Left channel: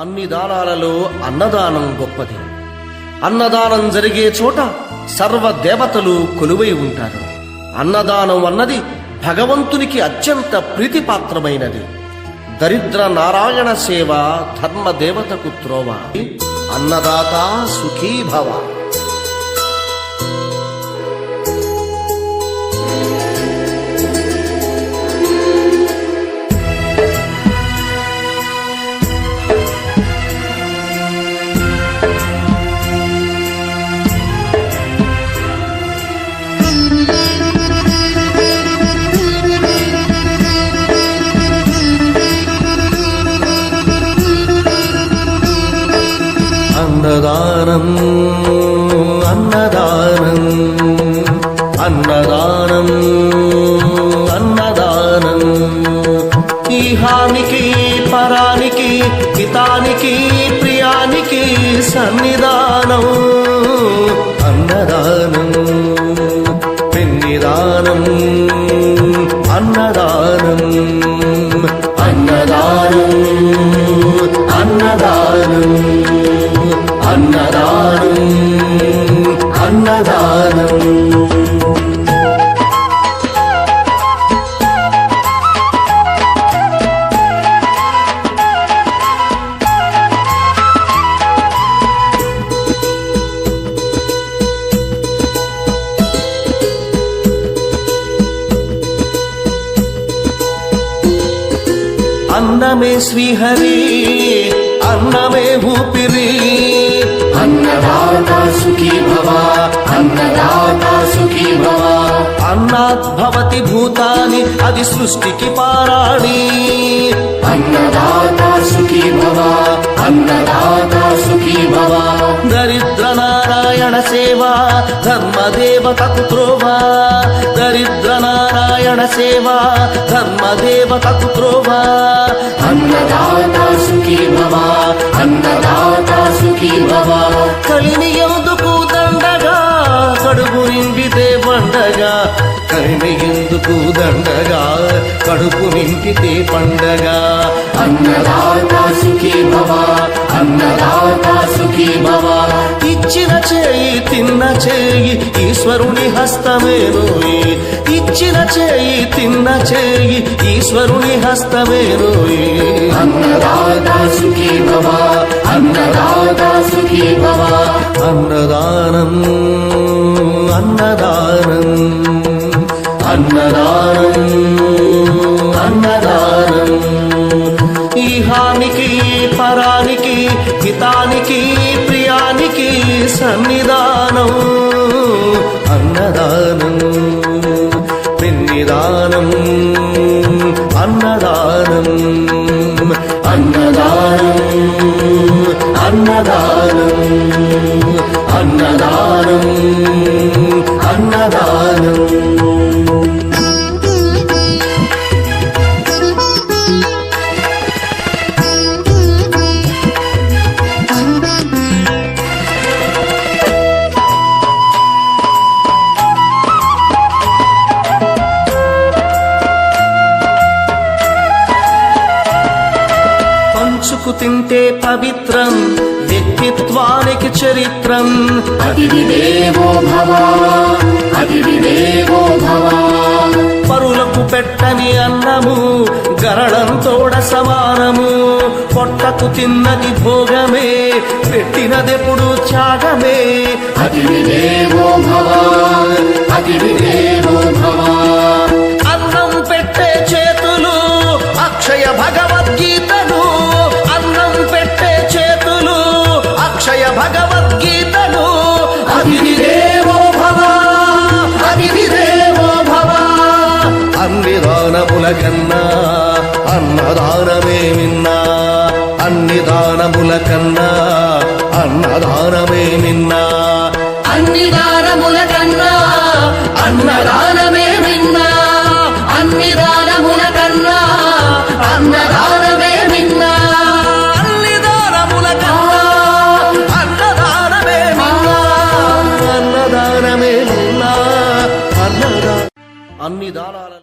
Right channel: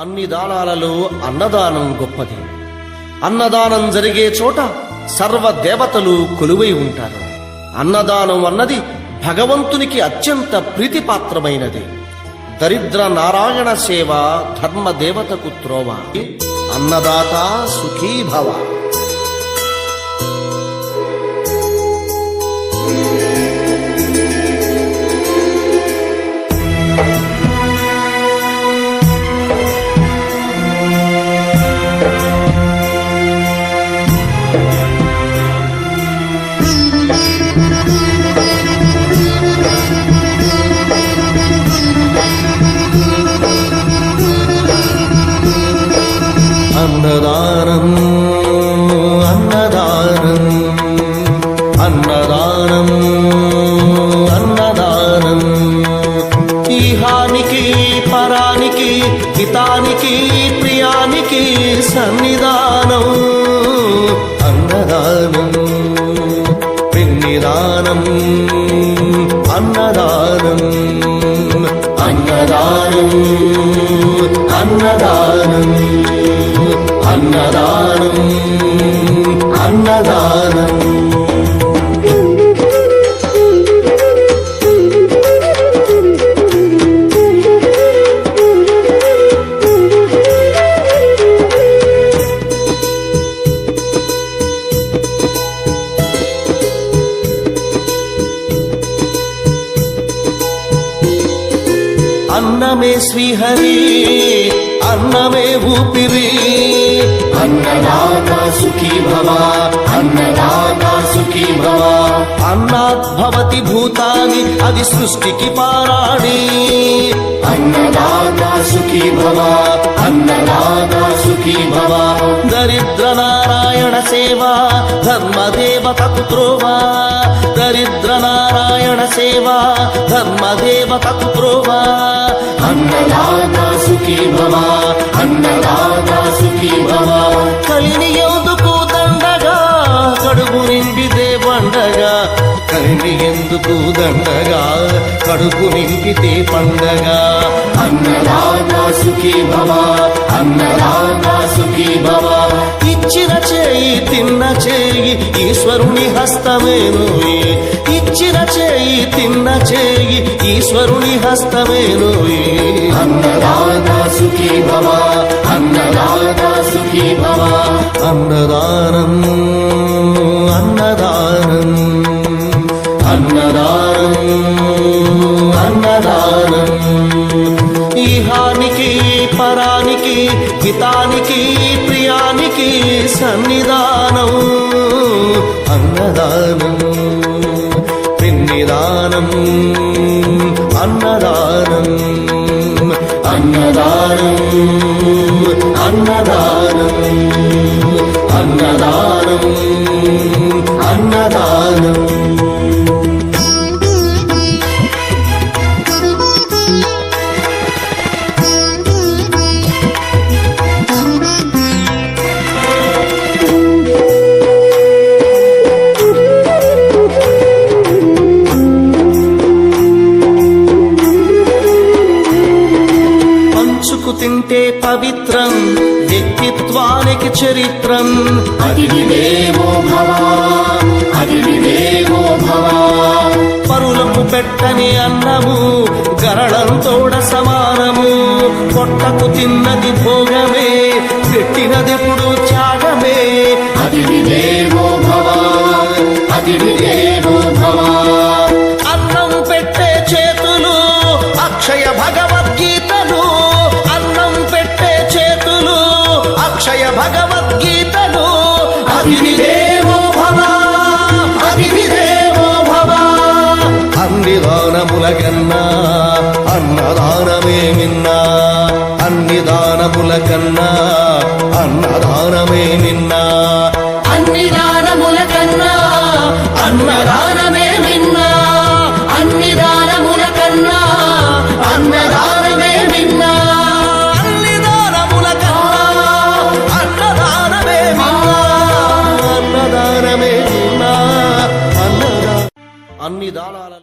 అన్ని దానాలలో అన్నదానం గొప్పది. అన్నదానం జరిగే చోట సర్వ దేవతలు కొలువై ఉంటారు. అన్నదానం అన్నది భగవంతునికి అత్యంత ప్రీతిపాత్రమైనది. దరిద్ర నారాయణ సేవ ధర్మదేవతకు త్రోవ. అన్నదాత సుఖీ భవ. అన్నదానం అన్నదానం అన్నదానం అన్నదానం ఈహానికి పరానికి హితానికి ప్రియానికి సన్నిధానం. అన్నదానం పిన్నిదానం అన్నదానం అన్నదానం అన్నదానం అన్నదానం అన్నదానం. అన్నమే శ్రీహరి అన్నమే ఊపిరి. అన్నదాత సుఖీ భవ అన్నదాత సుఖీ భవ. అన్నాద్భవతి భూతాని అది సృష్టికి పారాణి. అన్నదాత సుఖీ భవ అన్నదాత సుఖీ భవ. దరిద్ర నారాయణ సేవ ధర్మదేవతకు త్రోవ. దరిద్ర నారాయణ సేవ ధర్మదేవతకు త్రోవ. అన్నదాత సుఖీ భవ అన్నదాత సుఖీ భవ. కలిని ఎందుకు దండగా కడుపు నింపితే పండగా. కలిని ఎందుకు దండగా కడుపు నింపితే పండగ. అన్నదాత సుఖీ భవ అన్నదాత సుఖీ భవ. ఇచ్చిన చేయి తిన్న చేయి ఈశ్వరుని హస్తమేనోయి. ఇచ్చిన చేయి తిన్న చేయి ఈశ్వరుని హస్తమేనోయి. అన్నదాత సుఖీ భవ అన్నదాత సుఖీ భవ. అన్నదానం అన్నదానం అన్నదానం అన్నదానం ఈహానికి పరానికి హితానికి ప్రియానికి సన్నిధానం. అన్నదానం పిన్నిదానం అన్నదానం అన్నదానం అన్నదానం అన్నదానం అన్నదానం. పంచుకు తింటే పవిత్రం వ్యక్తిత్వానికి చరిత్రం. అతిథి దేవో భవ అతిథి దేవో భవ. పరులకు పెట్టని అన్నము గరళంతోడ సమానము. పొట్టకు తిన్నది భోగమే పెట్టినదెప్పుడు త్యాగమే. అతిథి దేవో భవ అతిథి దేవో భవ. అన్నం పెట్టే చేతులు అక్షయ భగవద్గీతలు. అన్నం పెట్టే చేతులు అక్షయ భగవద్గీతలు. అతిథి దేవో భవ అతిథి దేవో భవ. అన్ని దానముల కన్నా అన్నదానమే మిన్నా. అన్ని దానముల కన్నా అన్నదానమే మిన్నా. అన్ని దానముల కన్నా అన్నదానమే మిన్నా. అన్ని దానముల కన్నా అన్నదానమే మిన్నా. అన్ని దానముల కన్నా అన్నదానమే మిన్నా. అన్నదానమే మిన్నా. అన్ని దానాల